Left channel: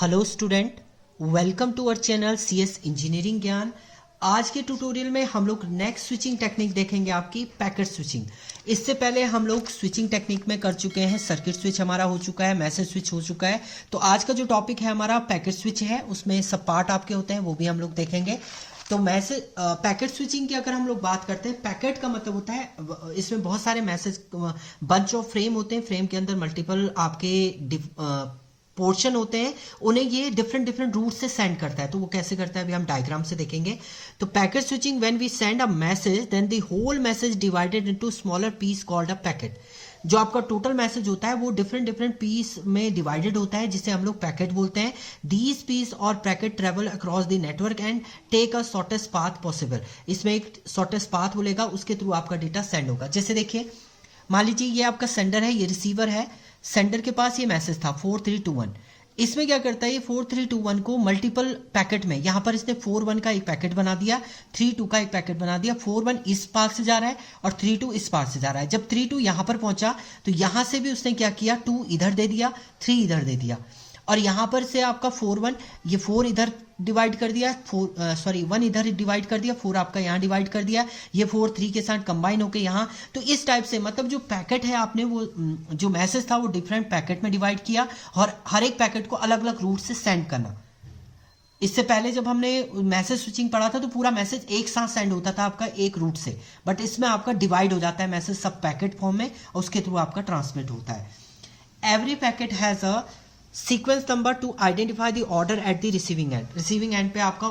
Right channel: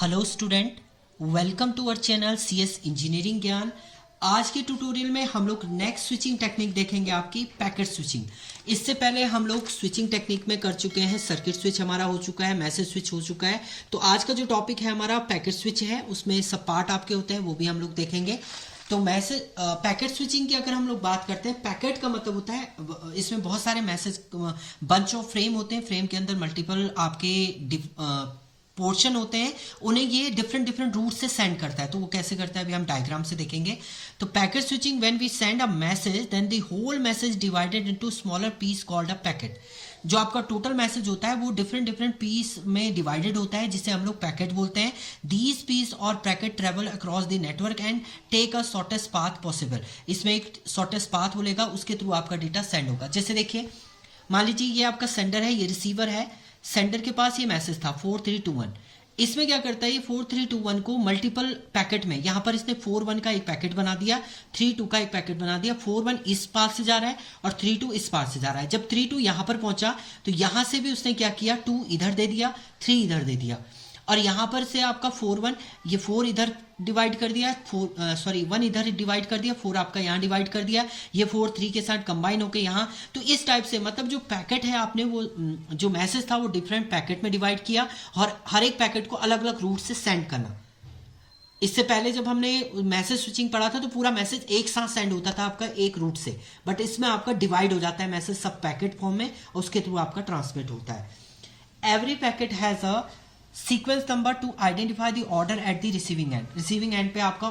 Hello student, welcome to our channel CS engineering ज्ञान। आज के ट्यूटोरियल में हम लोग नेक्स्ट स्विचिंग टेक्निक देखेंगे, आपकी पैकेट स्विचिंग। इससे पहले हम लोग स्विचिंग टेक्निक में कर चुके हैं, सर्किट स्विच हमारा हो चुका है, मैसेज स्विच हो चुका है। तो आज का जो टॉपिक है हमारा पैकेट स्विच है, उसमें सब पार्ट आपके होते हैं, वो भी हम लोग देखेंगे। तो मैसेज पैकेट स्विचिंग की अगर हम लोग बात करते हैं, पैकेट का मतलब होता है इसमें बहुत सारे मैसेज बंच ऑफ फ्रेम होते हैं। फ्रेम के अंदर मल्टीपल आपके पोर्शन होते हैं, उन्हें ये डिफरेंट डिफरेंट रूट से सेंड करता है। तो वो कैसे करता है अभी हम डायग्राम से देखेंगे। तो packet switching, when we send a message then the whole message divided into smaller piece called a packet. जो आपका टोटल मैसेज होता है वो डिफरेंट डिफरेंट पीस में डिवाइडेड होता है, जिसे हम लोग पैकेट बोलते हैं। दीज पीस और packet travel across the network and take a shortest path possible. इसमें एक शॉर्टेस्ट पाथ बोलेगा, उसके थ्रू आपका डेटा सेंड होगा। जैसे देखिए, मान लीजिए ये आपका सेंडर है, ये रिसीवर है। सेंडर के पास ये मैसेज था 4321। इसमें क्या करता है, ये 4321 को मल्टीपल पैकेट में, यहाँ पर इसने 41 का एक पैकेट बना दिया, 32 का एक पैकेट बना दिया। 41 इस पार से जा रहा है और 32 इस पार से जा रहा है। जब 32 यहाँ पर पहुंचा तो यहाँ से भी उसने क्या किया, 2 इधर दे दिया, 3 इधर दे दिया। और यहाँ पर से आपका 41, ये 4 इधर डिवाइड कर दिया, 1 इधर डिवाइड कर दिया, 4 आपका यहाँ डिवाइड कर दिया, ये 4 3 के साथ कंबाइन होकर यहाँ। तो इस टाइप से मतलब जो पैकेट है, आपने वो जो मैसेज था वो डिफरेंट पैकेट में डिवाइड किया और हर एक पैकेट को अलग अलग रूट से सेंड करना। इससे पहले जब हमने मैसेज स्विचिंग पढ़ा था तो पूरा मैसेज एक साथ सेंड होता था आपका एक रूट से, बट इसमें आपका डिवाइड हो जाता है मैसेज सब पैकेट फॉर्म में और उसके थ्रू आपका ट्रांसमिट होता है। Every packet has a sequence number two identify the order eight the receiving and. Receiving end पे आपका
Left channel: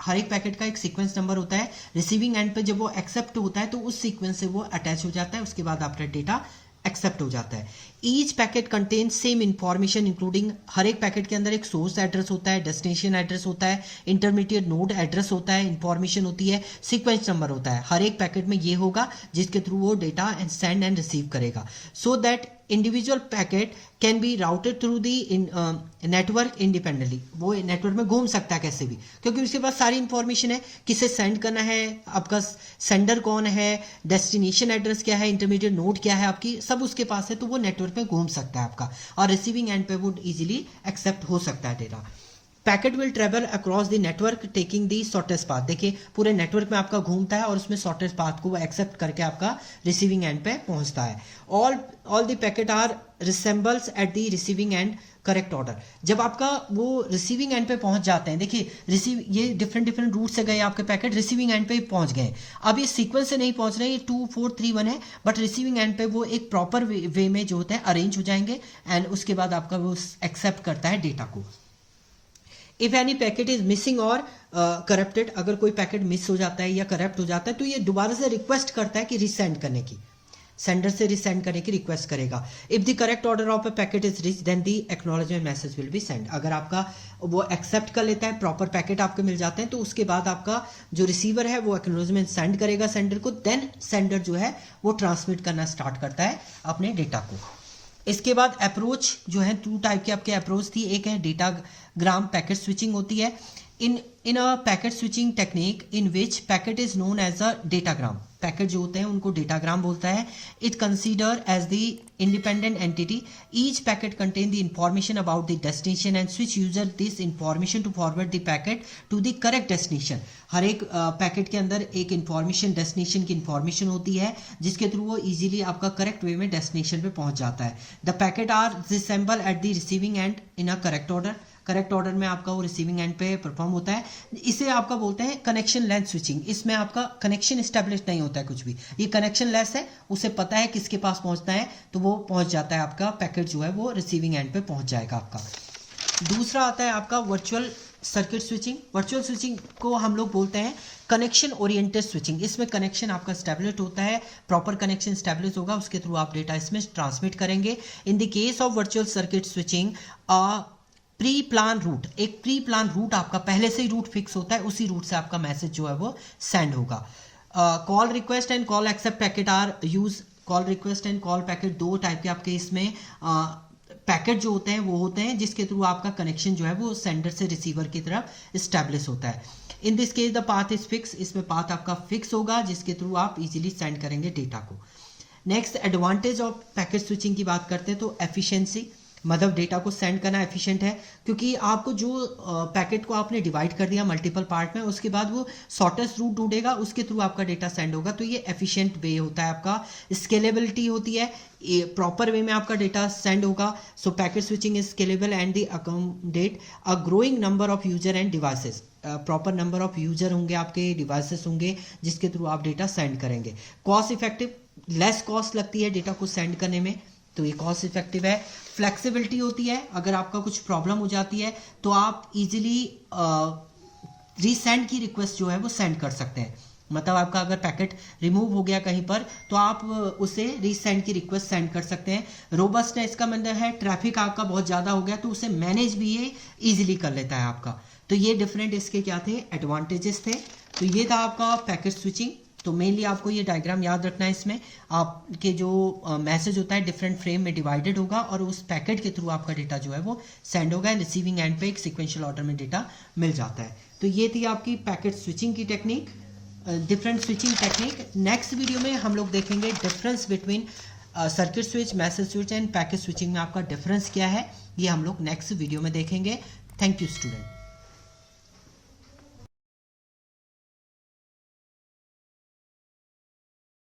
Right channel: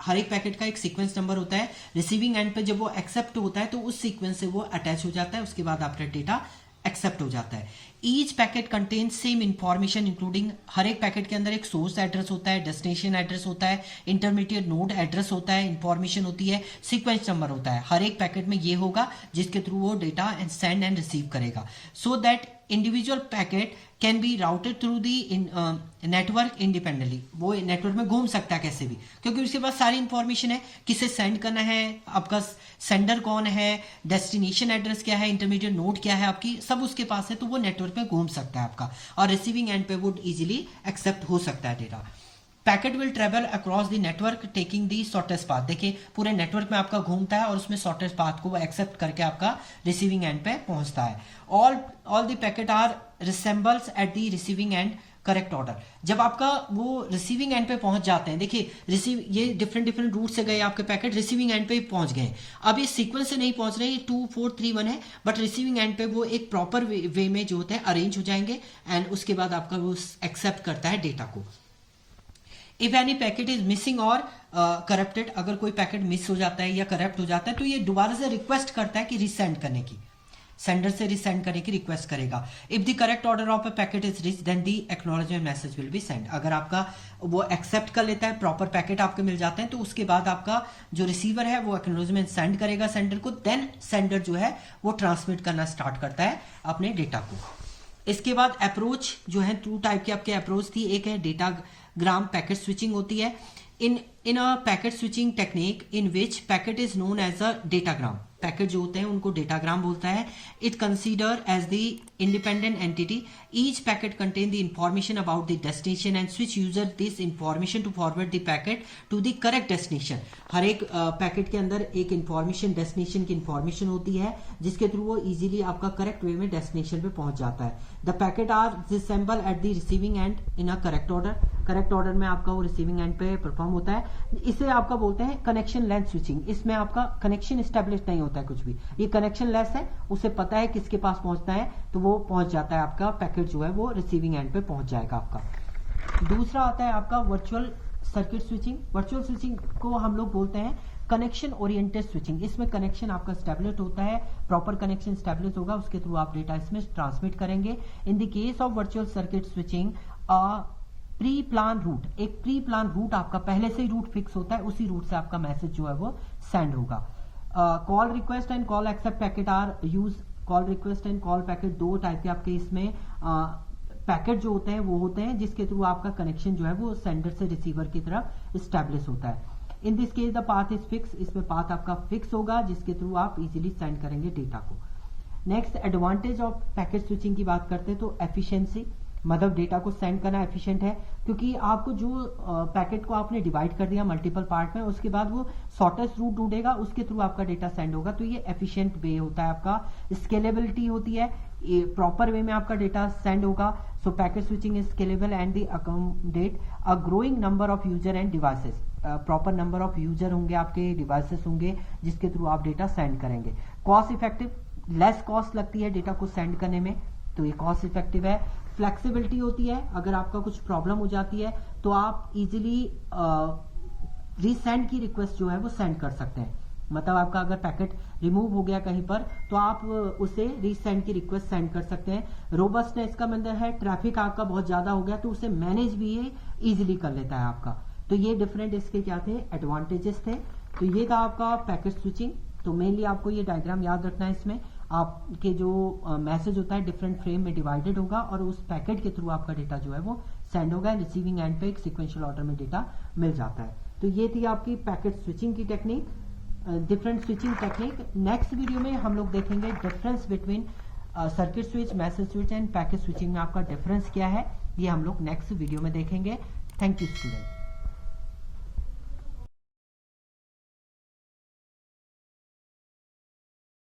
हर एक पैकेट का एक सीक्वेंस नंबर होता है। रिसीविंग एंड पे जब वो एक्सेप्ट होता है तो उस सीक्वेंस से वो अटैच हो जाता है, उसके बाद आपका डेटा एक्सेप्ट हो जाता है। Each packet contain same information including, हर एक पैकेट के अंदर एक सोर्स एड्रेस होता है, डेस्टिनेशन एड्रेस होता है, इंटरमीडिएट नोड एड्रेस होता है, इंफॉर्मेशन होती है, सीक्वेंस नंबर होता है। हर एक पैकेट में ये होगा जिसके थ्रू वो डेटा सेंड एंड रिसीव करेगा। So that individual packet can be routed through the network independently. वो नेटवर्क में घूम सकता है कैसे भी, क्योंकि उसके पास सारी इंफॉर्मेशन है, किसे सेंड करना है, आपका सेंडर कौन है, डेस्टिनेशन एड्रेस क्या है, इंटरमीडिएट नोड क्या है आपकी, सब उसके पास है। तो वो नेटवर्क पे घूम सकता है आपका, और रिसीविंग एंड पे वो इजीली एक्सेप्ट हो सकता है data. Packet will travel across the network taking the shortest path. देखिए पूरे नेटवर्क में आपका घूमता है और उसमें शॉर्टेस्ट पाथ को एक्सेप्ट करके आपका रिसीविंग एंड पे पहुंचता है। All the packet are reassembles at the receiving end correct order. जब आपका वो रिसीविंग एंड पे पहुंच जाते हैं, देखिए ये डिफरेंट डिफरेंट रूट से गए आपके पैकेट, रिसीविंग एंड पे पहुंच गए। अब ये सीक्वेंस से नहीं पहुंच रहे, ये 2 4 3 1 है, बट रिसीविंग एंड पे वो एक प्रॉपर वे में जो होते हैं अरेंज हो जाएंगे एंड उसके बाद आपका वो एक्सेप्ट करता है डेटा को। If any packet is missing और करप्टेड, अगर कोई पैकेट मिस हो जाता है या करप्ट हो जाता है तो ये दोबारा से रिक्वेस्ट करता है कि रिसेंड करने की, सेंडर से रिसेंड करने की रिक्वेस्ट करेगा। If the correct order of a packet is reach then the acknowledgement message will be send. अगर आपका वो एक्सेप्ट कर लेता है, प्रॉपर पैकेट आपके मिल जाते हैं, तो उसके बाद आपका जो रिसीवर है वो एक्नॉलेजमेंट सेंड करेगा सेंडर को, देन सेंडर जो है वो ट्रांसमिट करना स्टार्ट करता है अपने डेटा को। इसके बाद अप्रोच जो है, 2 टाइप के आपके अप्रोच थी। एक है डेटाग्राम पैकेट स्विचिंग होती है। In a packet switching technique in which packet is known as a datagram. Packet जो होते हैं उनको डेटाग्राम बोलता है। It consider as the independent entity. Each packet contain the information about the destination and switch user this information to forward the packet to the correct destination. हर एक packet के अंदर एक इंफॉर्मेशन, डेस्टिनेशन की information होती है, जिसके through वो इजीली आपका करेक्ट वे में डेस्टिनेशन पे पहुंच जाता है। The packet are reassemble at the receiving end in a correct order. Correct order में आपका वो रिसीविंग एंड पे परफॉर्म होता है। इसे आपका बोलते हैं कनेक्शन लेंथ स्विचिंग। इसमें आपका कनेक्शन एस्टेब्लिश नहीं होता है कुछ भी, ये कनेक्शन लेस है, उसे पता है किसके पास पहुंचना है, तो वो पहुंच जाता है, आपका पैकेट जो है वो रिसीविंग एंड पे पहुंच जाएगा आपका। दूसरा आता है आपका virtual circuit switching. Virtual switching को हम लोग बोलते हैं कनेक्शन ओरिएंटेड स्विचिंग। इसमें कनेक्शन आपका स्टैब्लिश होता है, प्रॉपर कनेक्शन स्टैब्लिश होगा, उसके थ्रू आप डेटा इसमें ट्रांसमिट करेंगे। In the case of virtual circuit switching pre plan route, एक प्री प्लान रूट आपका पहले से ही रूट फिक्स होता है, उसी रूट से आपका मैसेज जो है वो सेंड होगा। Call request and call accept packet are use. Call request and call packet 2 type के आपके इसमें पैकेट जो होते हैं वो होते हैं जिसके थ्रू आपका कनेक्शन जो है वो सेंडर से रिसीवर की तरफ स्टैब्लिश होता है। In this case the path is fix. इसमें पाथ आपका फिक्स होगा जिसके थ्रू आप इजीली सेंड करेंगे डेटा को। Next advantage of packet switching की बात करते हैं तो एफिशिएंसी। मतलब डेटा को सेंड करना एफिशिएंट है, क्योंकि आपको जो पैकेट को आपने डिवाइड कर दिया मल्टीपल पार्ट में, उसके बाद वो शॉर्टेस्ट रूट ढूंढेगा, उसके थ्रू आपका डेटा सेंड होगा। तो ये एफिशिएंट वे होता है आपका, स्केलेबिलिटी होती है, ये प्रॉपर वे में आपका डेटा सेंड होगा। So packet switching is scalable and the accommodate a growing number of user and devices. Proper number of user होंगे, आपके डिवाइसेस होंगे जिसके थ्रू आप डेटा सेंड करेंगे। कॉस्ट इफेक्टिव, लेस कॉस्ट लगती है डेटा को सेंड करने में, तो ये कॉस्ट इफेक्टिव है। फ्लेक्सिबिलिटी होती है, अगर आपका कुछ प्रॉब्लम हो जाती है तो आप इजीली रीसेंड की रिक्वेस्ट जो है वो सेंड कर सकते हैं। मतलब आपका अगर पैकेट रिमूव हो गया कहीं पर तो आप उसे रीसेंड की रिक्वेस्ट सेंड कर सकते हैं। रोबस्ट है, इसका मतलब है ट्रैफिक आपका बहुत ज़्यादा हो गया तो उसे मैनेज भी ये ईजिली कर लेता है आपका। तो ये डिफरेंट इसके क्या थे, एडवांटेजेस थे। तो ये था आपका पैकेट स्विचिंग। तो मेनली आपको ये डायग्राम याद रखना है, इसमें आपके जो मैसेज होता है डिफरेंट फ्रेम में डिवाइडेड होगा और उस पैकेट के थ्रू आपका डेटा जो है वो सेंड होगा, रिसीविंग एंड पे एक सीक्वेंशियल ऑर्डर में डेटा मिल जाता है। तो ये थी आपकी पैकेट स्विचिंग की technique, different switching technique. Next video में हम लोग देखेंगे difference between circuit switch, message switch end packet switching में आपका डिफरेंस क्या है, ये हम लोग नेक्स्ट वीडियो में देखेंगे। Thank you student.